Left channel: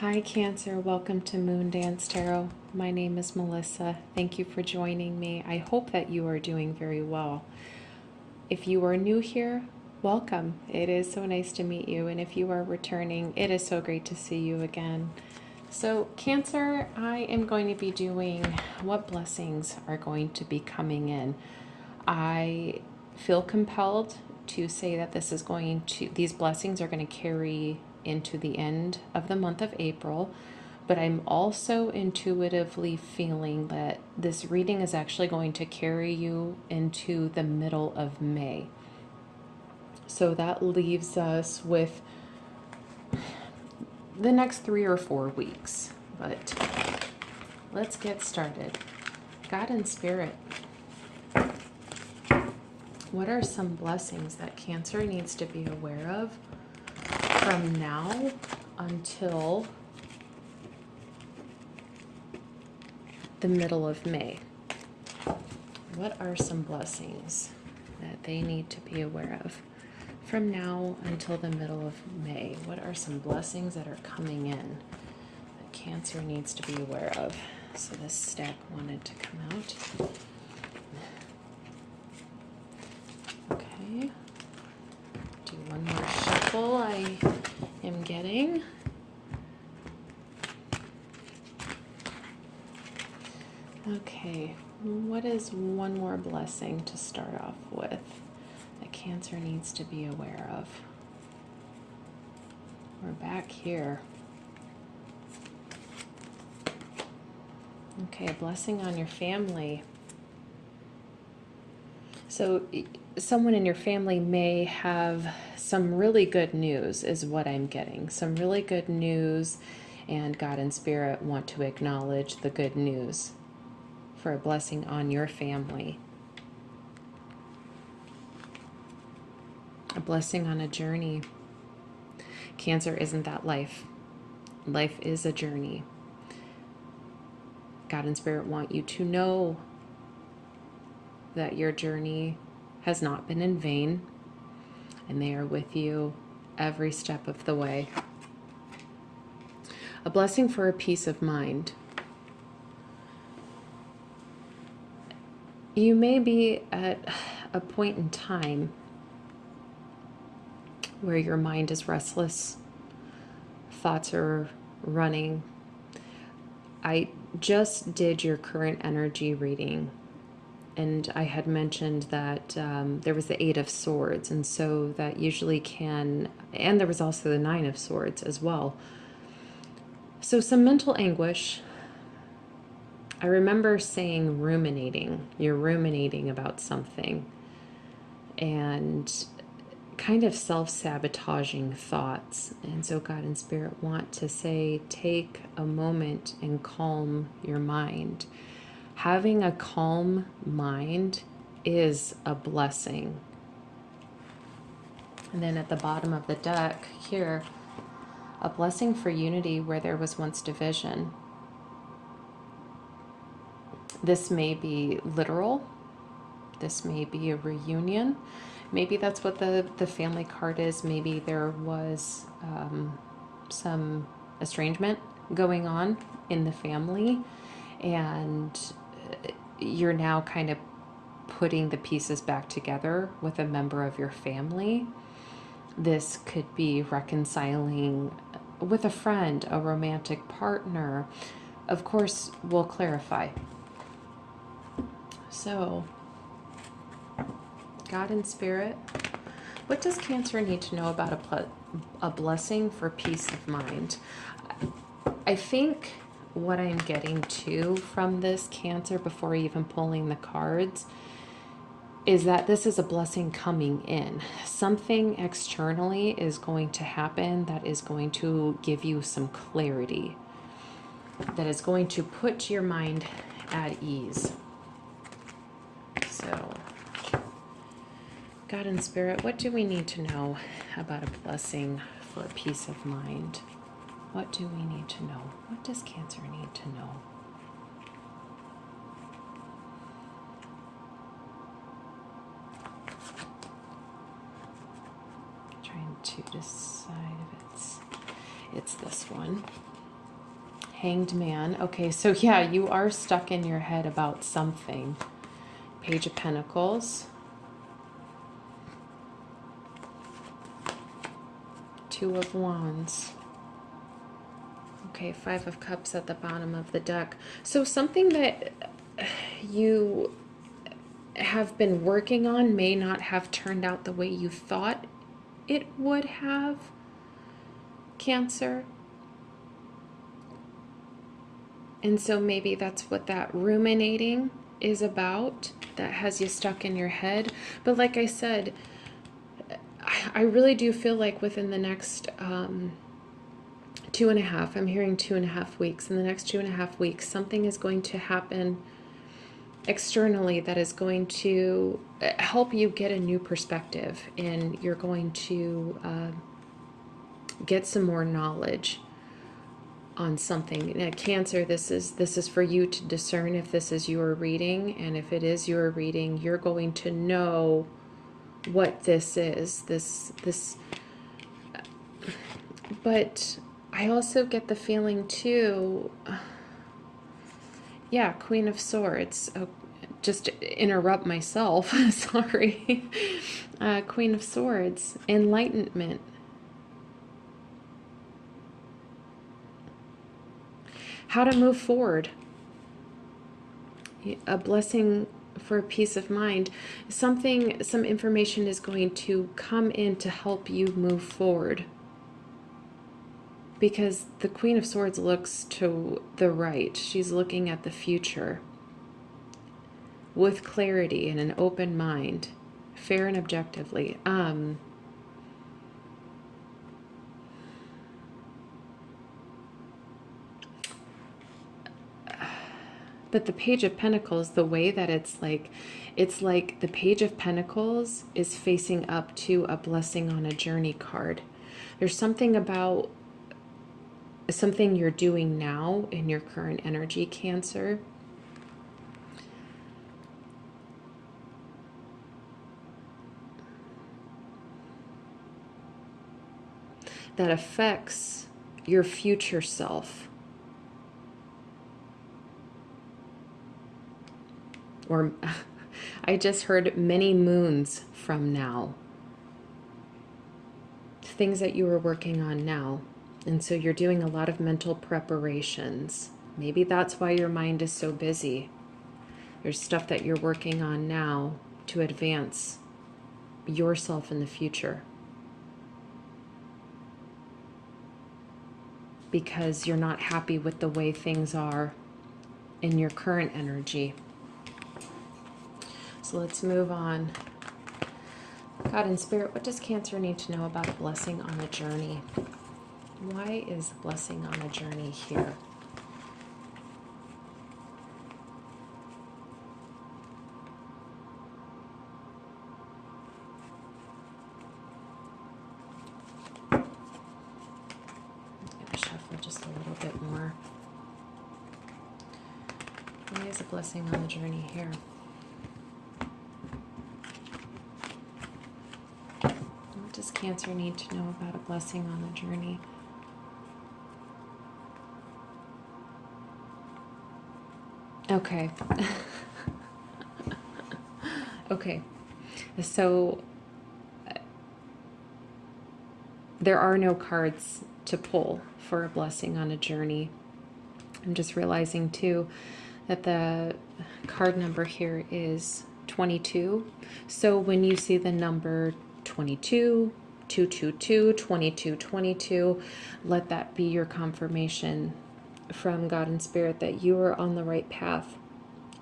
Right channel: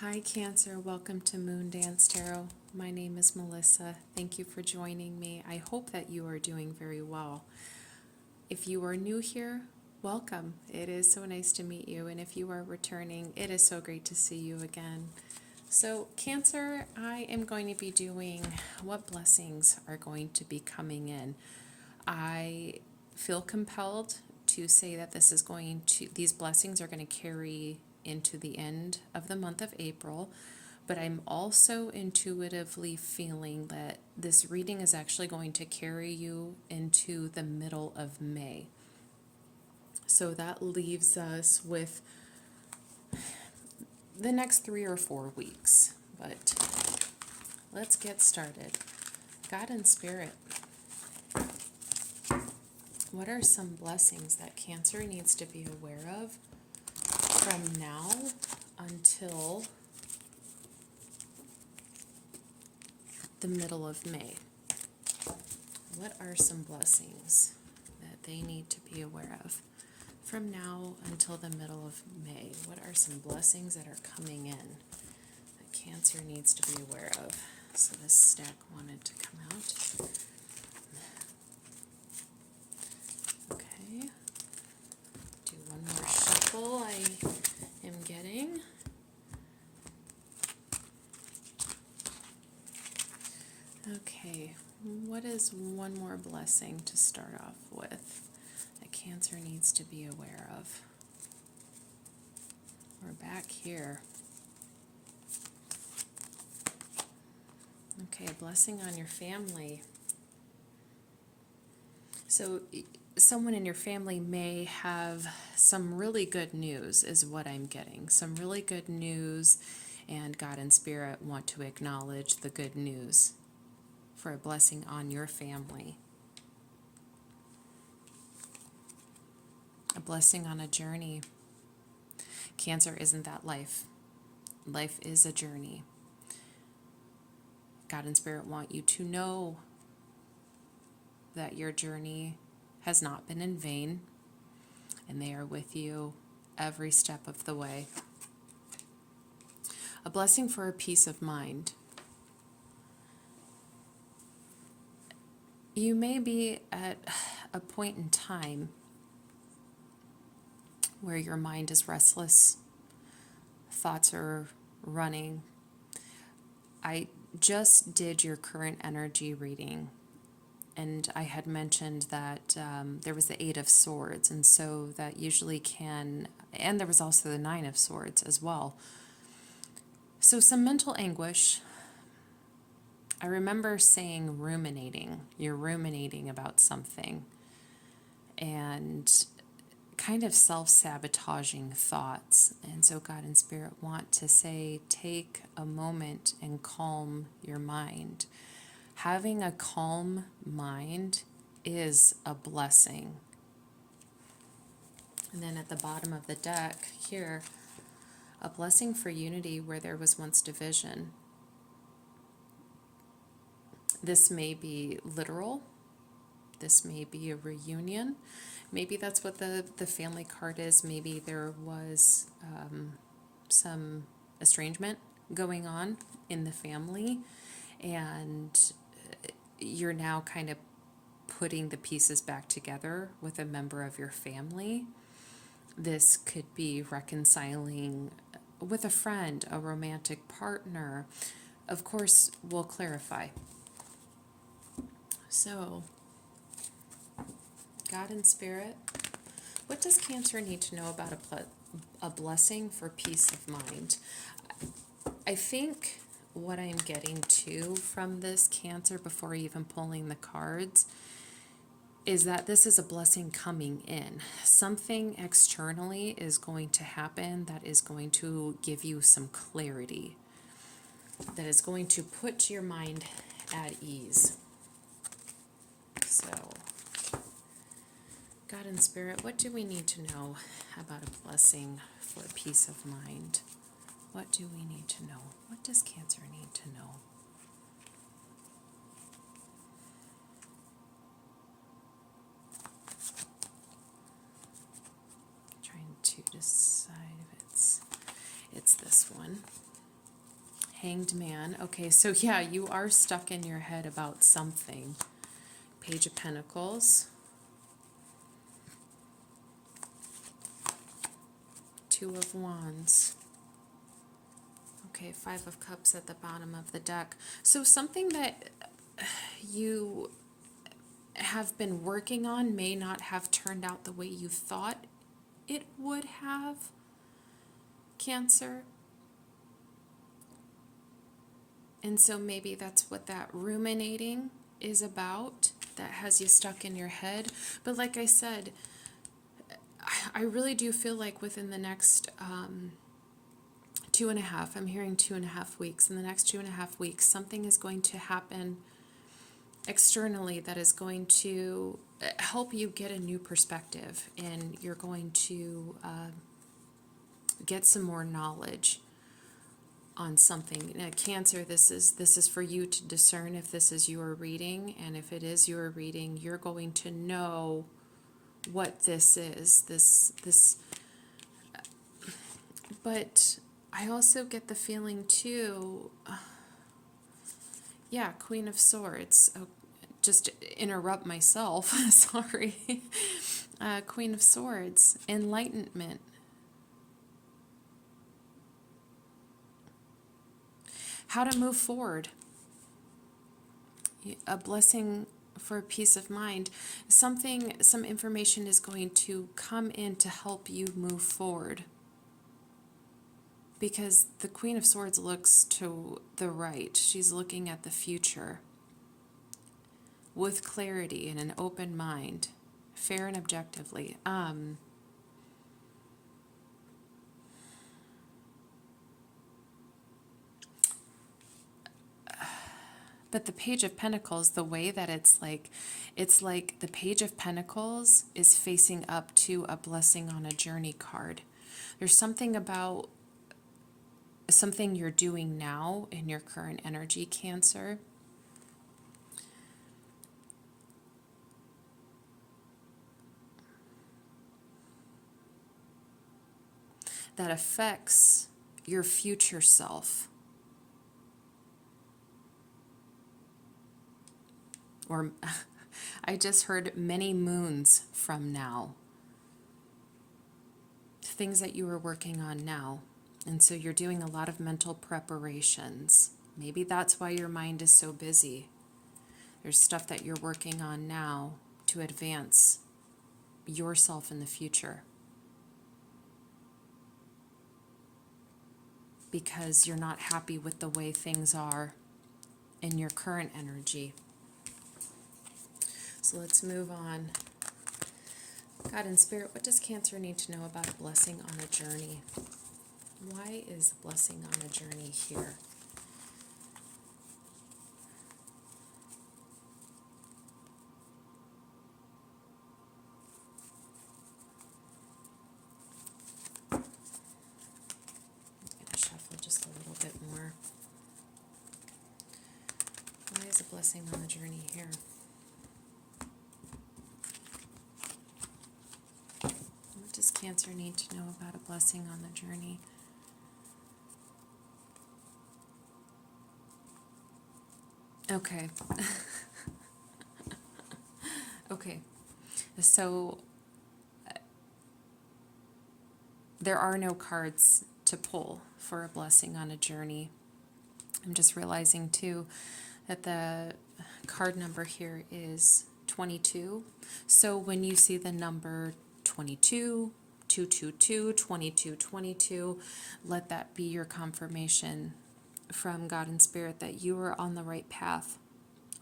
Hi Cancer, welcome to Moondance Tarot. My name is Melissa. Thank you for joining me. I hope that you are doing very well. If you are new here, welcome. It is so nice to meet you. And if you are returning, it is so great to see you again. So Cancer, I am going to be doing what blessings are going to be coming in. I feel compelled to say that these blessings are going to carry into the end of the month of April, but I'm also intuitively feeling that this reading is actually going to carry you into the middle of May. So that leaves us with the next 3 or 4 weeks. But let's get started. God and Spirit, what are some blessings that Cancer needs to be aware of from now until the middle of May? What are some blessings that they need to be aware of from now until the middle of May? What are some blessings that are coming in that Cancer needs to be aware of? So this stack wanted to come out. Okay. Do one more shuffle. I am getting. Okay, what is one more blessing to start off with that Cancer needs to be aware of? We're back here. Okay, a blessing on your family. So someone in your family may have some really good news, is what I'm getting. Some really good news, and God and Spirit want to acknowledge the good news for a blessing on your family. A blessing on a journey. Cancer, isn't that life? Life is a journey. God and Spirit want you to know that your journey has not been in vain, and they are with you every step of the way. A blessing for a peace of mind. You may be at a point in time where your mind is restless, thoughts are running. I just did your current energy reading, and I had mentioned that there was the 8 of Swords, and so that usually can, and there was also the 9 of Swords as well. So some mental anguish. I remember saying ruminating. You're ruminating about something, and kind of self-sabotaging thoughts. And so God and Spirit want to say, take a moment and calm your mind. Having a calm mind is a blessing. And then at the bottom of the deck here, a blessing for unity where there was once division. This may be literal. This may be a reunion. Maybe that's what the family card is. Maybe there was some estrangement going on in the family, and you're now kind of putting the pieces back together with a member of your family. This could be reconciling with a friend, a romantic partner. Of course, we'll clarify. So, God and Spirit, what does Cancer need to know about a blessing for peace of mind? I think what I'm getting to from this, Cancer, before even pulling the cards, is that this is a blessing coming in. Something externally is going to happen that is going to give you some clarity, that is going to put your mind at ease. So, God and Spirit, what do we need to know about a blessing for peace of mind? What do we need to know? What does Cancer need to know? Trying to decide if it's this one. Hanged Man. Okay, so yeah, you are stuck in your head about something. Page of Pentacles. Two of Wands. Okay, Five of Cups at the bottom of the deck. So something that you have been working on may not have turned out the way you thought it would have, Cancer. And so maybe that's what that ruminating is about, that has you stuck in your head. But like I said, I really do feel like within the next 2.5, I'm hearing 2.5 weeks, in the next 2.5 weeks, something is going to happen externally that is going to help you get a new perspective, and you're going to get some more knowledge on something. Now, Cancer, this is for you to discern if this is your reading, and if it is your reading, you're going to know what this is. This but I also get the feeling too, yeah, Queen of Swords. Oh, just interrupt myself. Sorry. Queen of Swords, enlightenment. How to move forward. A blessing for peace of mind. Some information is going to come in to help you move forward. Because the Queen of Swords looks to the right. She's looking at the future with clarity and an open mind, fair and objectively. But the Page of Pentacles, the way that it's like the Page of Pentacles is facing up to a blessing on a journey card. There's something about something you're doing now in your current energy, Cancer, that affects your future self. Or I just heard many moons from now. Things that you are working on now. And so you're doing a lot of mental preparations. Maybe that's why your mind is so busy. There's stuff that you're working on now to advance yourself in the future. Because you're not happy with the way things are in your current energy. So let's move on. God and Spirit, what does Cancer need to know about a blessing on the journey? Why is blessing on the journey here? I'm going to shuffle just a little bit more. Why is a blessing on the journey here? What does Cancer need to know about a blessing on the journey? Okay. Okay. So there are no cards to pull for a blessing on a journey. I'm just realizing too that the card number here is 22. So when you see the number 22, 222, 2222, let that be your confirmation from God and Spirit that you are on the right path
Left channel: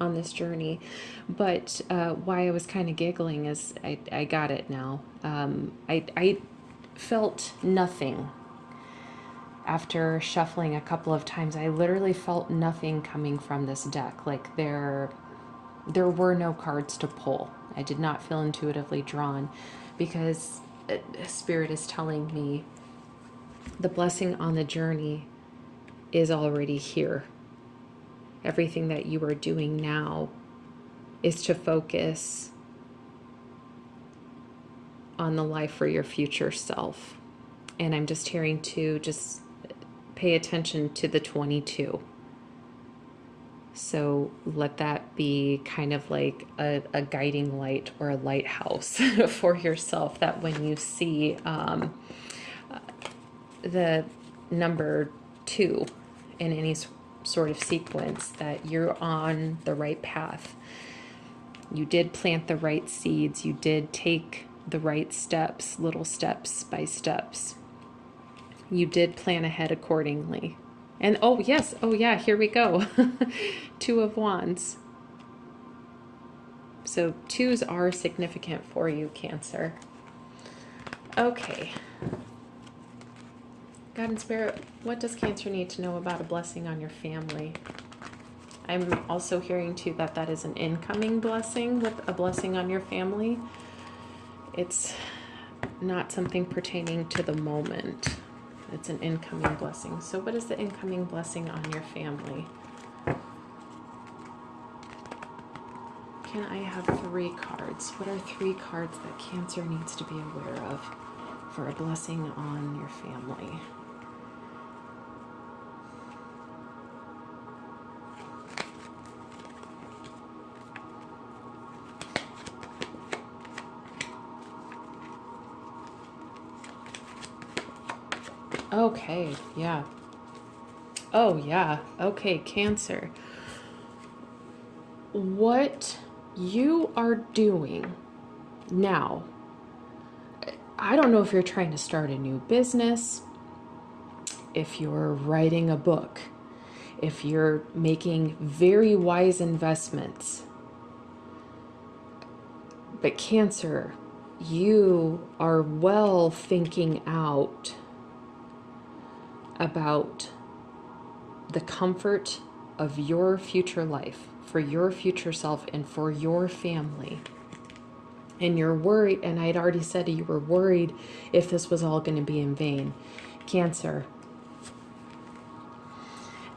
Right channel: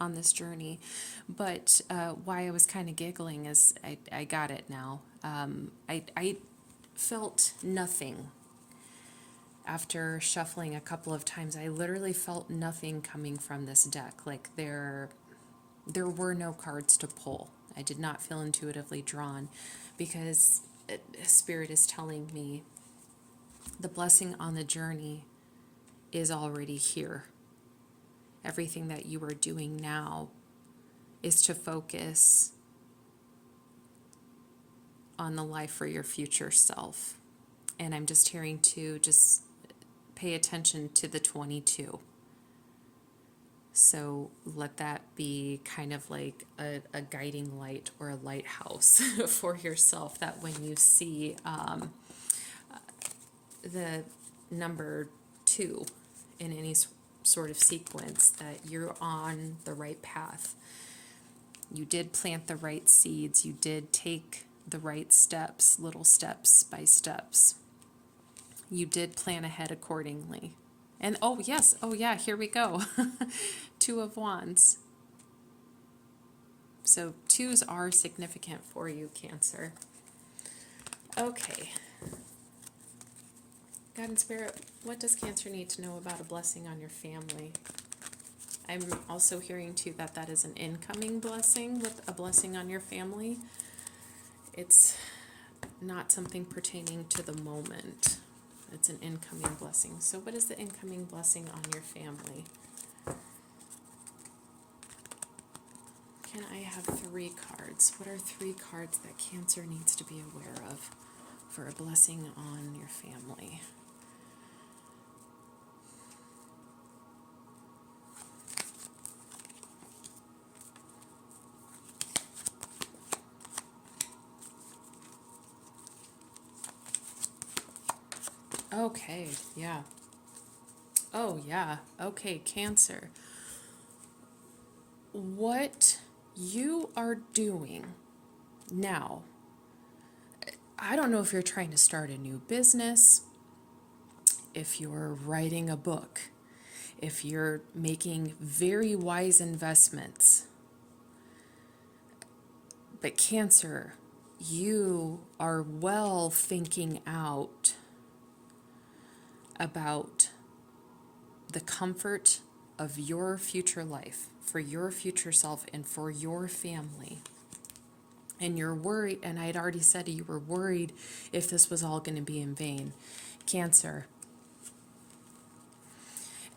on this journey. But why I was kind of giggling is I got it now. I felt nothing after shuffling a couple of times. I literally felt nothing coming from this deck. Like there were no cards to pull. I did not feel intuitively drawn because Spirit is telling me the blessing on the journey is already here. Everything that you are doing now is to focus on the life for your future self. And I'm just hearing to just pay attention to the 22. So let that be kind of like a guiding light or a lighthouse for yourself, that when you see the number 2 in any sort of sequence, that you're on the right path. You did plant the right seeds. You did take the right steps, little steps by steps. You did plan ahead accordingly. And oh yes, oh yeah, here we go. 2 of Wands. So 2s are significant for you, Cancer. Okay. God and Spirit, what does Cancer need to know about a blessing on your family? I'm also hearing too that that is an incoming blessing, with a blessing on your family. It's not something pertaining to the moment. It's an incoming blessing. So what is the incoming blessing on your family? Can I have 3 cards? What are 3 cards that Cancer needs to be aware of for a blessing on your family? Okay, yeah. Oh, yeah. Okay, Cancer. What you are doing now, I don't know if you're trying to start a new business, if you're writing a book, if you're making very wise investments. But Cancer, you are well thinking out about the comfort of your future life, for your future self and for your family. And you're worried, and I had already said you were worried if this was all going to be in vain. Cancer,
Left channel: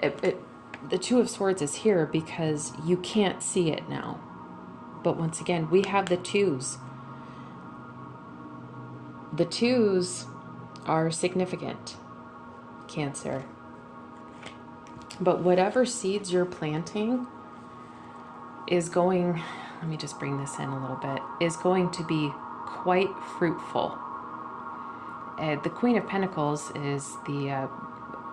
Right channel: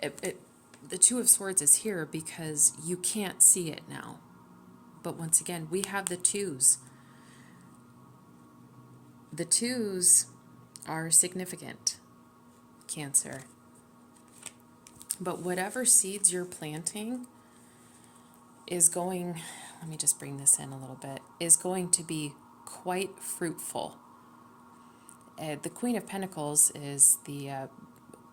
the 2 of Swords is here because you can't see it now. But once again, we have the 2s. The 2s are significant, Cancer. But whatever seeds you're planting is going, let me just bring this in a little bit, is going to be quite fruitful. The Queen of Pentacles is the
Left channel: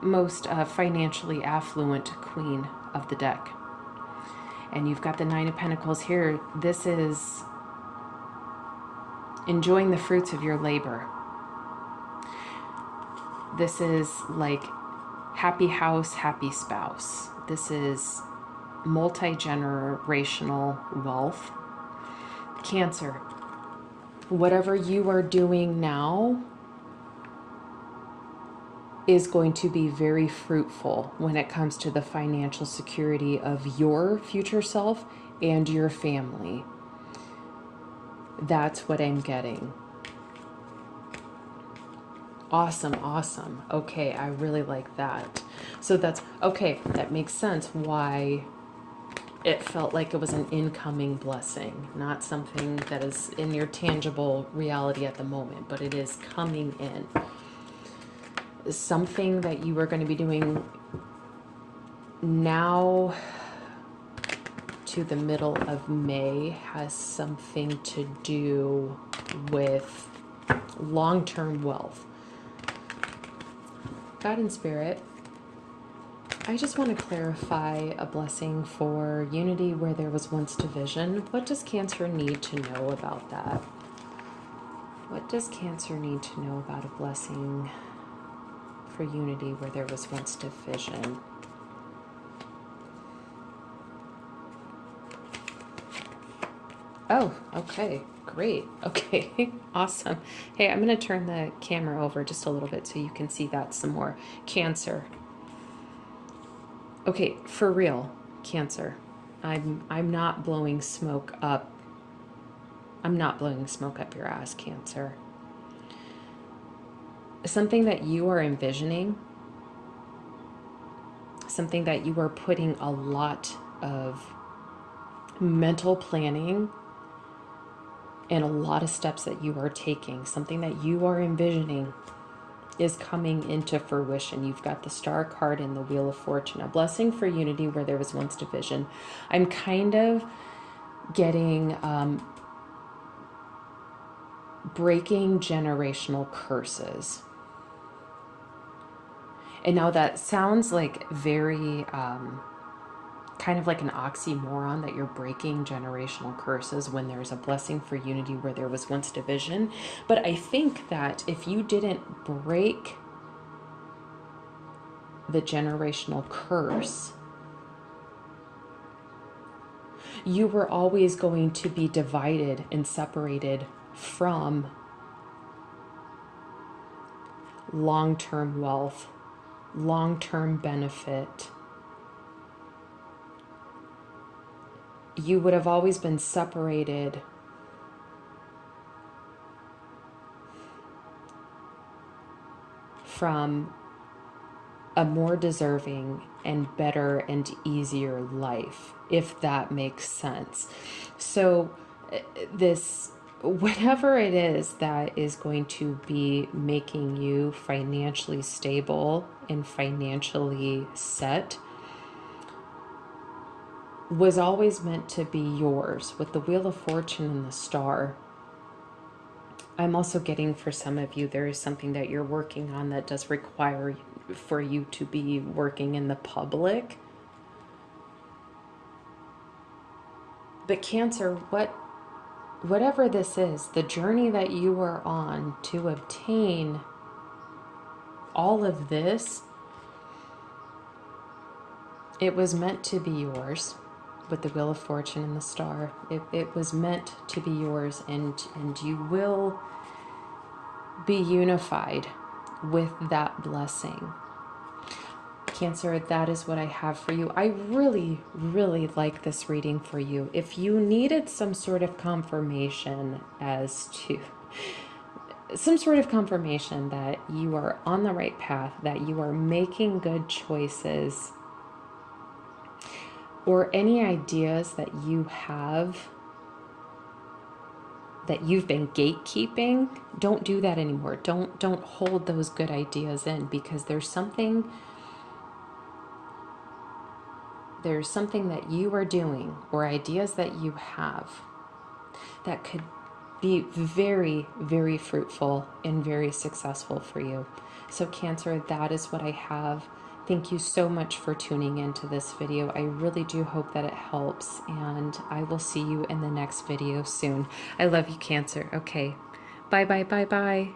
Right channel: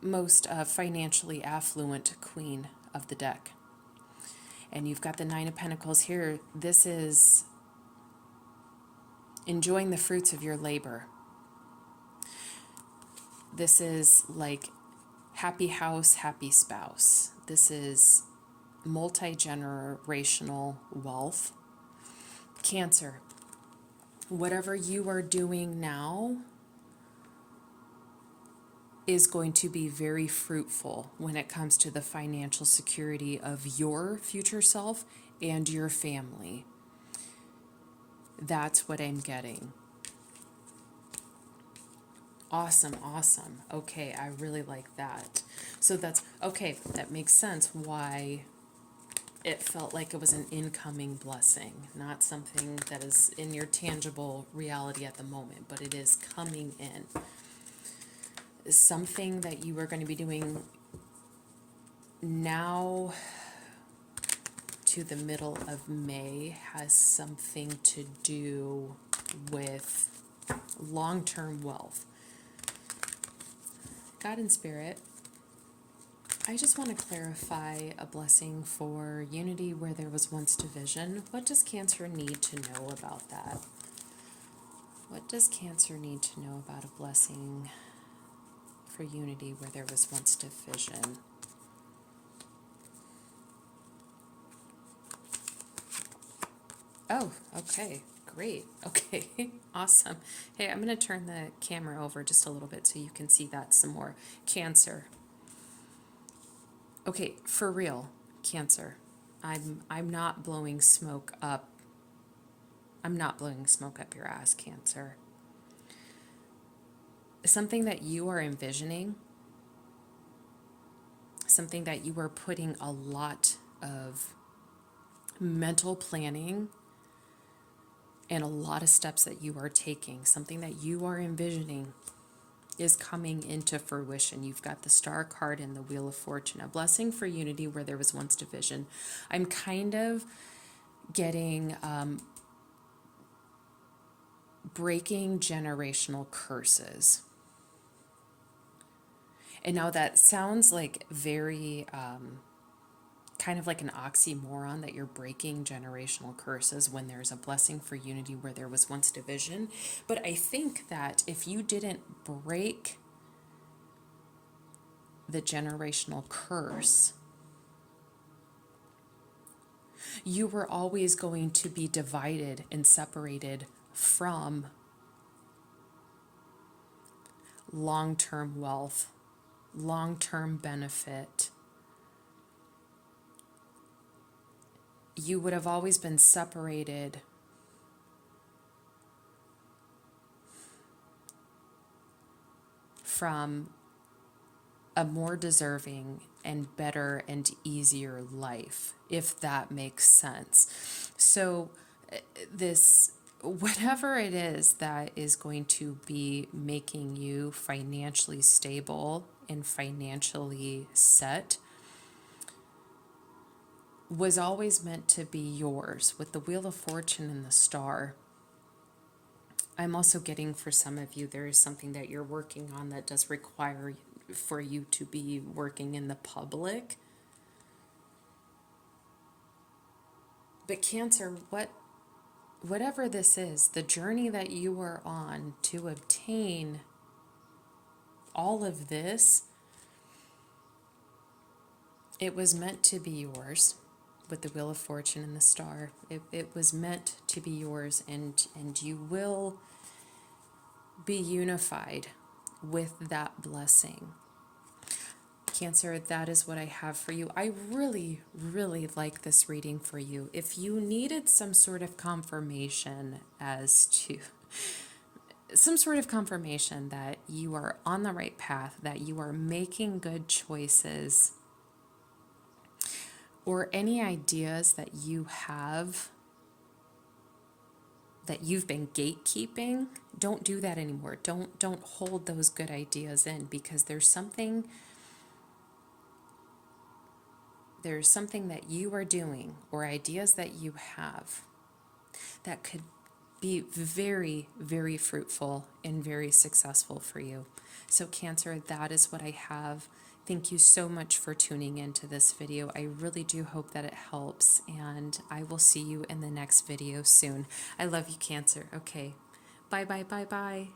most financially affluent queen of the deck. And you've got the 9 of Pentacles here. This is enjoying the fruits of your labor. This is like happy house, happy spouse. This is multi-generational wealth. Cancer, whatever you are doing now is going to be very fruitful when it comes to the financial security of your future self and your family. That's what I'm getting. Awesome, awesome. Okay, I really like that. So that's, okay, that makes sense why it felt like it was an incoming blessing, not something that is in your tangible reality at the moment, but it is coming in. Something that you are going to be doing now to the middle of May has something to do with long-term wealth. God and Spirit, I just want to clarify a blessing for unity where there was once division. What does Cancer need to know about that? What does Cancer need to know about a blessing for unity where there was once division? Oh, okay, great. Okay, awesome. Hey, I'm going to turn the camera over just a little bit so you can see that some more. Cancer. Okay, for real, Cancer. I'm not blowing smoke up. I'm not blowing smoke up your ass, Cancer. Something that you are envisioning, something that you are putting a lot of mental planning and a lot of steps that you are taking, something that you are envisioning is coming into fruition. You've got the Star card and the Wheel of Fortune, a blessing for unity where there was once division. I'm kind of getting breaking generational curses. And now that sounds like very kind of like an oxymoron, that you're breaking generational curses when there's a blessing for unity where there was once division. But I think that if you didn't break the generational curse, you were always going to be divided and separated from long-term wealth, long-term benefit. You would have always been separated from a more deserving and better and easier life, if that makes sense. So this, whatever it is that is going to be making you financially stable and financially set, was always meant to be yours. With the Wheel of Fortune and the Star, I'm also getting, for some of you, there is something that you're working on that does require for you to be working in the public. But Cancer, whatever this is, the journey that you are on to obtain all of this, it was meant to be yours. With the Wheel of Fortune and the Star, it was meant to be yours, and you will be unified with that blessing. Cancer, that is what I have for you. I really, really like this reading for you. If you needed some sort of confirmation that you are on the right path, that you are making good choices, or any ideas that you have that you've been gatekeeping, don't do that anymore. Don't hold those good ideas in, because there's something that you are doing, or ideas that you have, that could be very, very fruitful and very successful for you. So Cancer, that is what I have. Thank you so much for tuning into this video. I really do hope that it helps, and I will see you in the next video soon. I love you, Cancer. Okay. Bye, bye, bye, bye.